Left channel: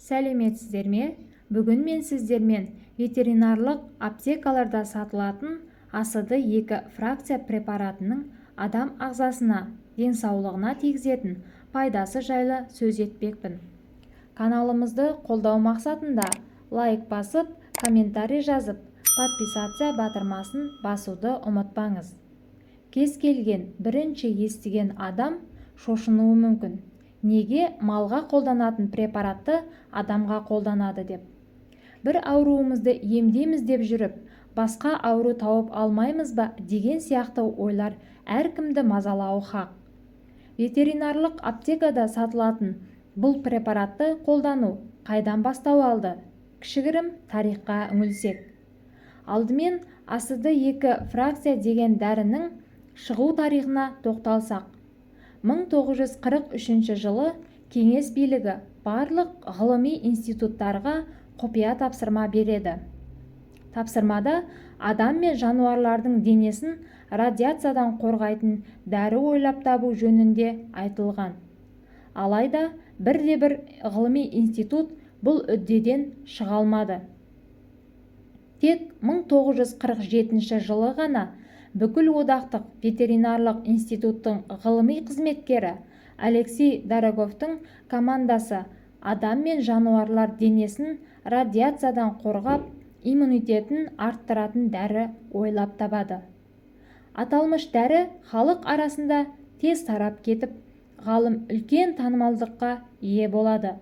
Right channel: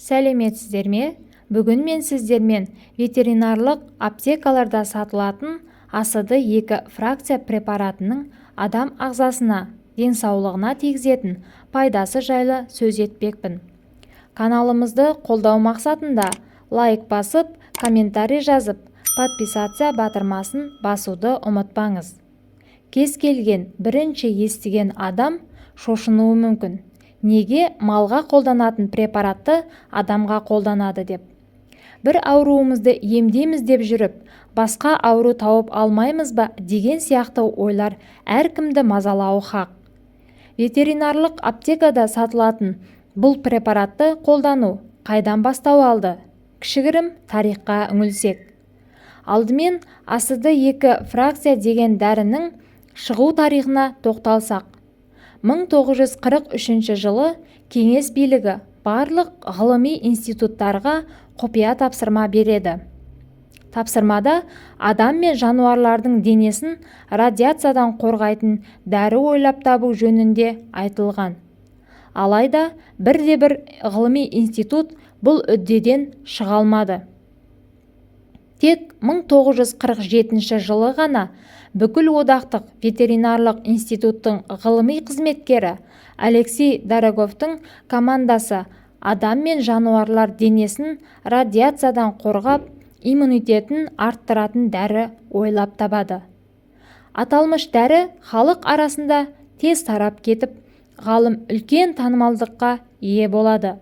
Сәлеметсіздер ме? Бүгін мен сіздермен ветеринарлық аптекаларда сатылатын АСD-2 фракция препаратының адам ағзасына, денсаулығына тигізетін пайдасы жайлы сөз етпекпін. Каналымызды қолдау мақсатында лайк басып, комментарий жазып, подписация батырмасын басуды ұмытпаңыз. Кез келген бірінші естіген адам шошынуы мүмкін. Неге малға қолданатын препаратты адамға қолданады деп. Бір ауруымызды емдейміз деп жүріп, басқа ауру тауып алмаймыз ба деген сияқты ойлар әркімді мазалауы хақ. Ветеринарлық аптекада сатылатын бұл препаратты қолдану қайдан бастау алды? Кішігірім тарихқа үңілсек. Алдымен АСD-2 фракция деген дәрінің шығу тарихына тоқталсақ. 1943 жылы Кеңес билігі барлық ғылыми институттарға құпия тапсырма береді. Тапсырмада адам мен жануарлардың денесін радиациядан қорғайтын дәрі ойлап табу жөнінде айтылған. Алайда бірде-бір ғылыми институт бұл үддеден шыға алмады. Тек 1947 жылы ғана бүкіл одақтық ветеринарлық институттың ғылыми қызметкері Алексей Дороговтың командасы адам мен жануарлар денесін радиациядан қорғап, иммунитетін арттыратын дәрі ойлап табады. Аталмыш дәрі халық арасында тез тарап кетіп, ғалым үлкен танымалдыққа ие болады.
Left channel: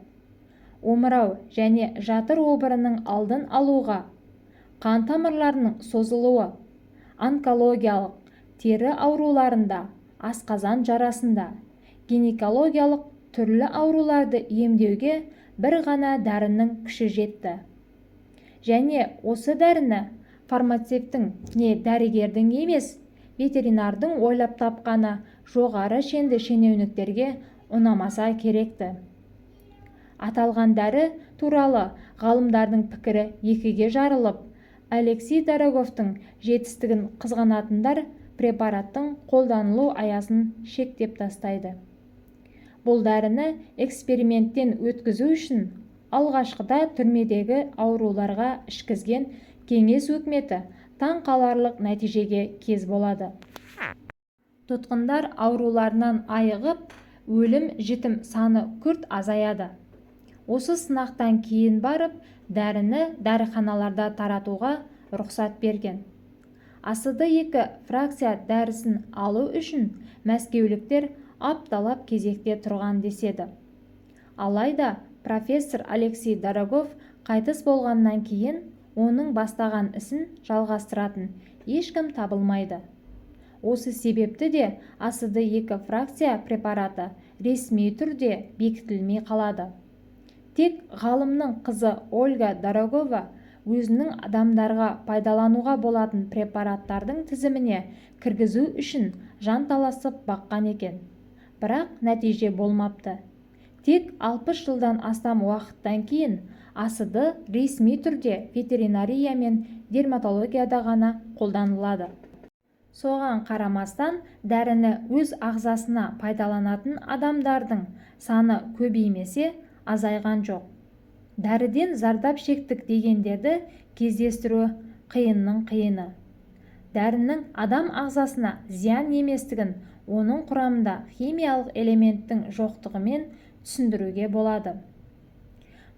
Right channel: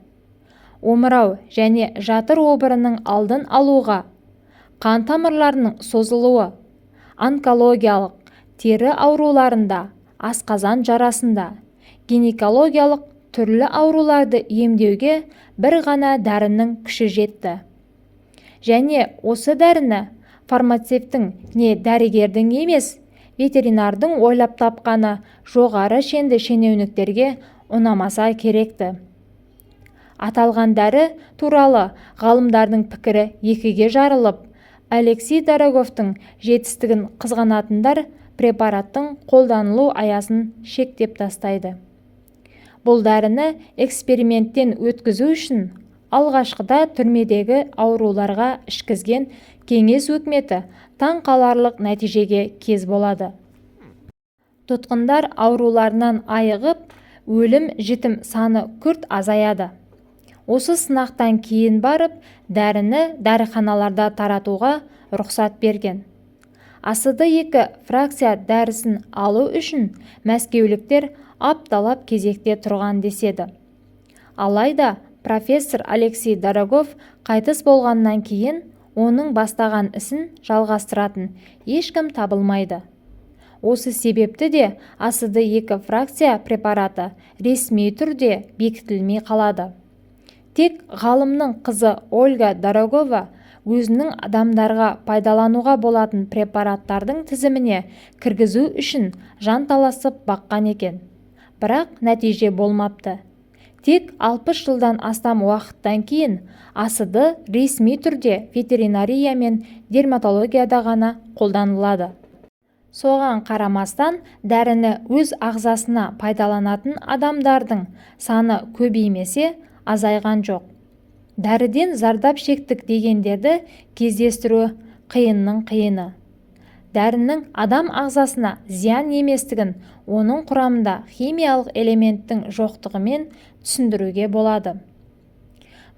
Омырау және жатыр обырының алдын алуға, қан тамырларының созылуы, онкологиялық, тері ауруларында, асқазан жарасында, гинекологиялық түрлі ауруларды емдеуге бір ғана дәрінің күші жетті. Және осы дәріні фармацевттің не дәрігердің емес, ветеринардың ойлап тапқаны жоғары шенді шенеуніктерге ұнамаса керекті. Аталған дәрі туралы ғалымдардың пікірі екіге жарылып, Алексей Дороговтың жетістігін қызғанатындар препараттың қолданылу аясын шектеп тастайды. Бұл дәріні эксперименттен өткізу үшін алғашқыда түрмедегі ауруларға ішкізген Кеңес өкіметі таң қаларлық нәтижеге кез болады. Тұтқындар ауруларынан айығып, өлім-жітім саны күрт азаяды. Осы сынақтан кейін барып, дәріні дәріханаларда таратуға рұқсат берген. АСD-2 фракция дәрісін алу үшін мәскеуліктер апталап кезекте тұрған деседі. Алайда профессор Алексей Дорогов қайтыс болғаннан кейін оның бастаған ісін жалғастыратын ешкім табылмайды. Осы себепті де АСD-2 фракция препараты ресми түрде бекітілмей қалады. Тек ғалымның қызы Ольга Дорогова өзінің адамдарға пайдалануға болатын препараттардың тізіміне кіргізу үшін жанталасып баққан екен. Бірақ нәтиже болмапты. Тек 60 жылдан астам уақыттан кейін АСD ресми түрде ветеринария мен дерматологияда ғана қолданылады. Соған қарамастан дәріні өз ағзасына пайдаланатын адамдардың саны көбеймесе азайған жоқ. Дәріден зардап шектік дегендерді кездестіру қиынның қиыны. Дәрінің адам ағзасына зиян еместігін оның құрамында химиялық элементтің жоқтығымен түсіндіруге болады.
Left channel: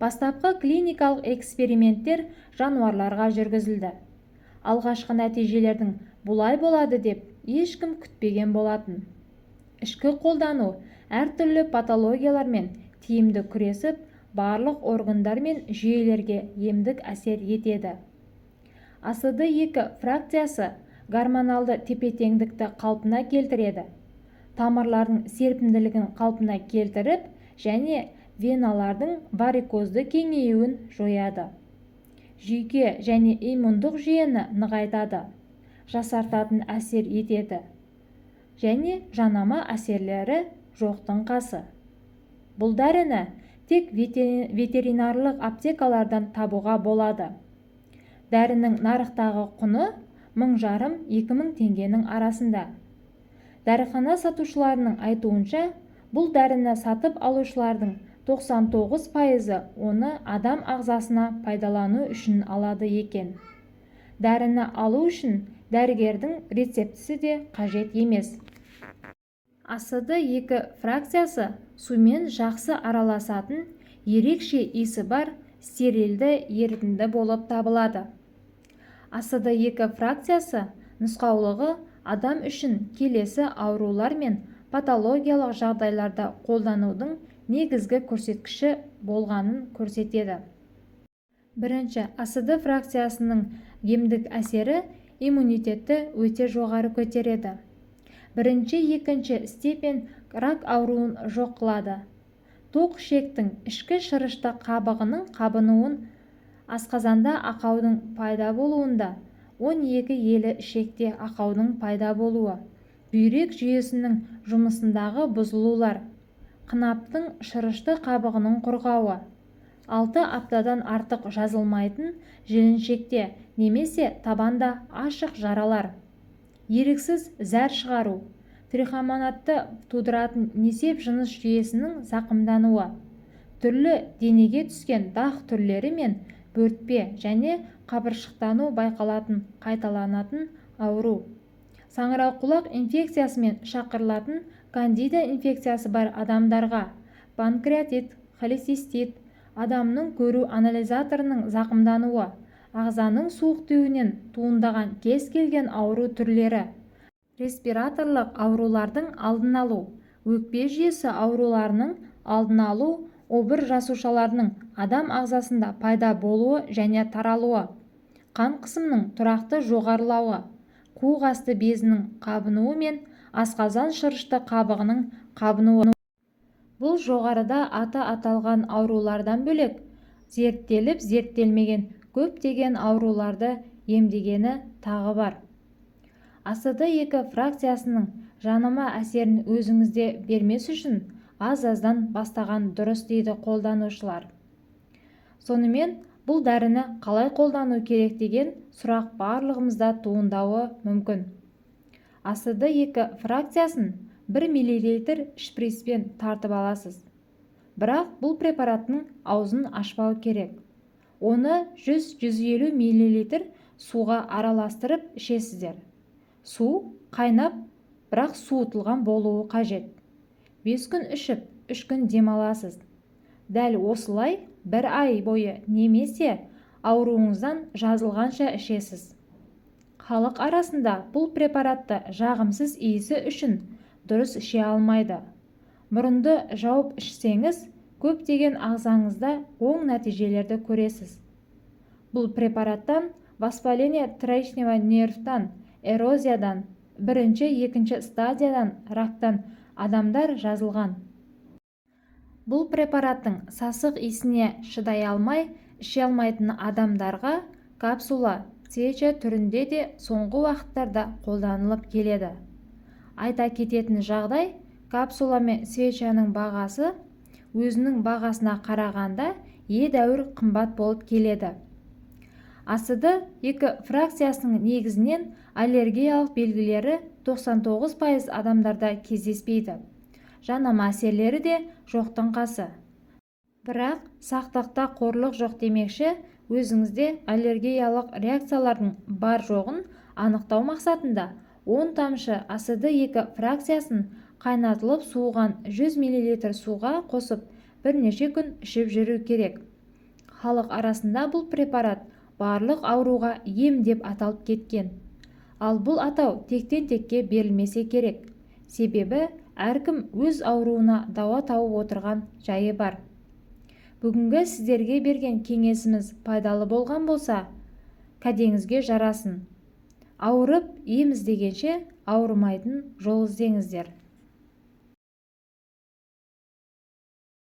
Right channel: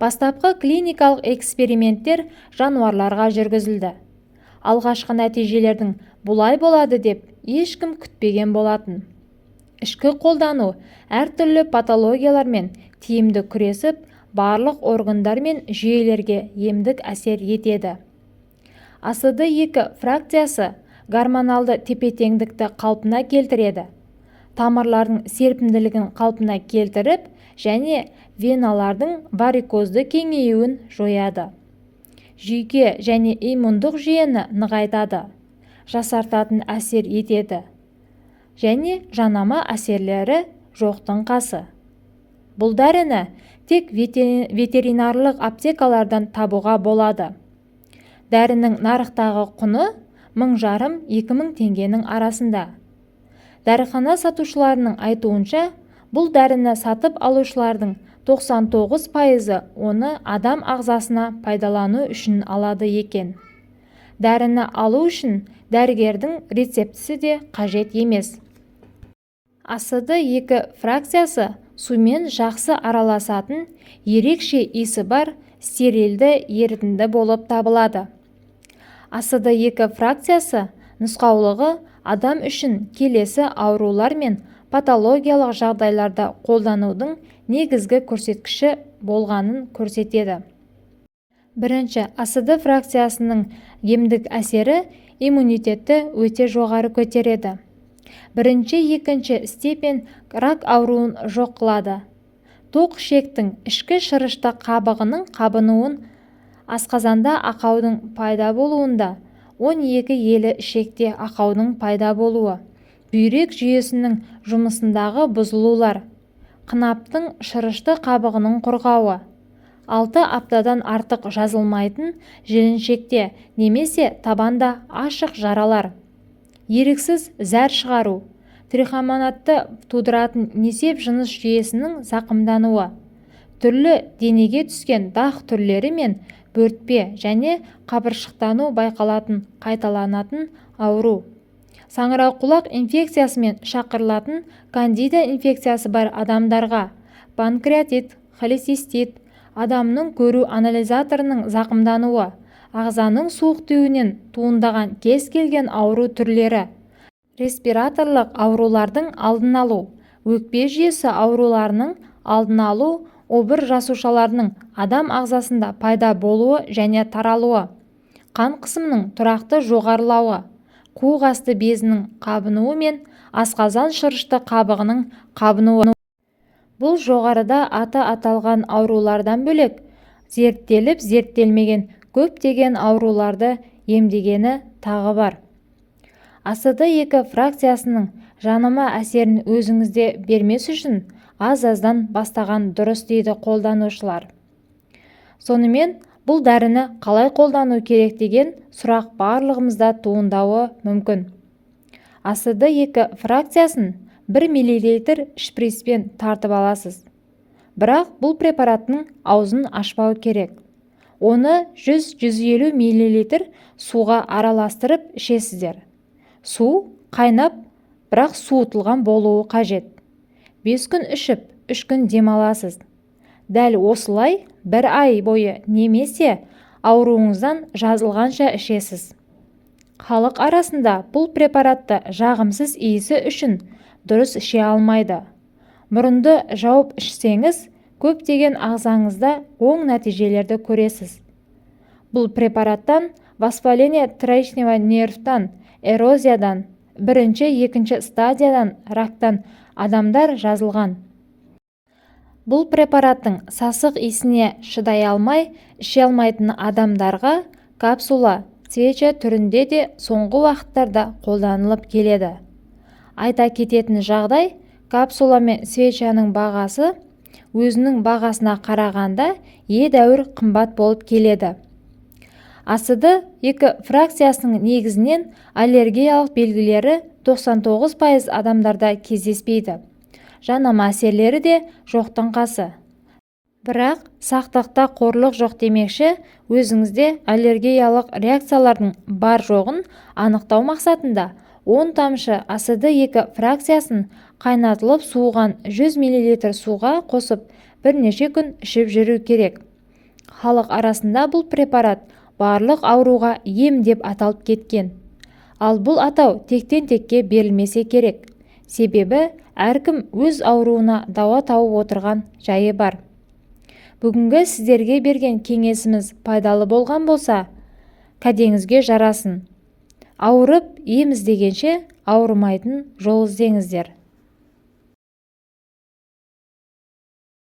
Бастапқы клиникалық эксперименттер жануарларға жүргізілді. Алғашқы нәтижелердің бұлай болады деп ешкім күтпеген болатын. Ішкі қолдану әртүрлі патологиялармен тиімді күресіп, барлық органдар мен жүйелерге емдік әсер етеді. АСD-2 фракциясы гормоналды тепе-теңдікті қалпына келтіреді. Тамырлардың серпімділігін қалпына келтіріп және веналардың варикозды кеңеюін жояды. Жүйке және иммундық жүйені нығайтады, жасартатын әсер етеді. Және жанама әсерлері жоқтың қасы. Бұл дәріні тек ветеринарлық аптекалардан табуға болады. Дәрінің нарықтағы құны 1500-2000 теңгенің арасында. Дәріхана сатушыларының айтуынша, бұл дәріні сатып алушылардың 99% оны адам ағзасына пайдалану үшін алады екен. Дәріні алу үшін дәрігердің рецептісі де қажет емес. АСD2 фракциясы сумен жақсы араласатын, ерекше иісі бар стерильді ерітінді болып табылады. АСD2 фракциясы нұсқаулығы адам үшін келесі аурулар мен патологиялық жағдайларда қолданудың негізгі көрсеткіші болғанын көрсетеді. Бірінші, АСD фракциясының емдік әсері иммунитетті өте жоғары көтереді. Бірінші, екінші степен рак ауруын жоқ қылады. Тоқ ішектің ішкі шырышты қабығының қабынуын, асқазанда ақаудың пайда болуында, 12 елі ішекте ақаудың пайда болуы, бүйрек жүйесінің жұмысындағы бұзылулар, қынаптың шырышты қабығының құрғауы, 6 аптадан артық жазылмайтын жіліншекте немесе табанда ашық жаралар, еріксіз зәр шығару, трихомонадты тудыратын несеп жыныс жүйесінің зақымдануы, түрлі денеге түскен дақ түрлері мен бөртпе және қабыршықтану байқалатын қайталанатын ауру, саңырауқұлақ инфекциясымен шақырылатын кандида инфекциясы бар адамдарға, панкреатит, холецистит, адамның көру анализаторының зақымдануы, ағзаның суық тиюінен туындаған кез келген ауру түрлері, респираторлық аурулардың алдын алу, өкпе жүйесі ауруларының алдын алу, обыр жасушаларының адам ағзасында пайда болуы және таралуы, қан қысымының тұрақты жоғарылауы, қуық асты безінің қабынуы мен асқазан шырышты қабығының қабынуы. Бұл жоғарыда аты аталған аурулардан бөлек зерттеліп зерттелмеген көптеген ауруларды емдегені тағы бар. АСD2 фракциясының жанама әсерін өзіңізде бермес үшін аз-аздан бастаған дұрыс дейді қолданушылар. Сонымен бұл дәріні қалай қолдану керек деген сұрақ барлығымызда туындауы мүмкін. АСD2 фракциясын 1 мл шприцпен тартып аласыз. Бірақ бұл препараттың аузын ашпау керек. Оны 100-150 мл суға араластырып ішесіздер. Су қайнап, бірақ суытылған болуы қажет. 5 күн ішіп, 3 күн демаласыз. Дәл осылай 1 ай бойы немесе ауруыңыздан жазылғанша ішесіз. Халық арасында бұл препаратты жағымсыз иісі үшін дұрыс іше алмайды. Мұрынды жауып ішсеңіз, көптеген ағзаңызда оң нәтижелерді көресіз. Бұл препараттан воспаление трахеального нервтан, эрозиядан, 1-2 стадиядан рактан адамдар жазылған. Бұл препараттың сасық иісіне шыдай алмай, іше алмайтын адамдарға капсула, свеча түрінде де соңғы уақыттарда қолданылып келеді. Айта кететін жағдай, капсула мен свечаның бағасы өзінің бағасына қарағанда едәуір қымбат болып келеді. АСD2 фракциясының негізінен аллергиялық белгілері 99% адамдарда кездеспейді. Жанама әсерлері де жоқтың қасы. Бірақ сақтықта қорлық жоқ демекші, өзіңізде аллергиялық реакциялардың бар жоғын анықтау мақсатында 10 тамшы АСD2 фракциясын қайнатылып суыған 100 мл суға қосып бірнеше күн ішіп жүру керек. Халық арасында бұл препарат барлық ауруға ем деп аталып кеткен. Ал бұл атау тектен-текке берілмесе керек. Себебі әркім өз ауруына дауа тауып отырған жайы бар. Бүгінгі сіздерге берген кеңесіміз пайдалы болған болса, кәдеңізге жарасын. Ауырып ем іздегенше ауырмайтын жол іздеңіздер.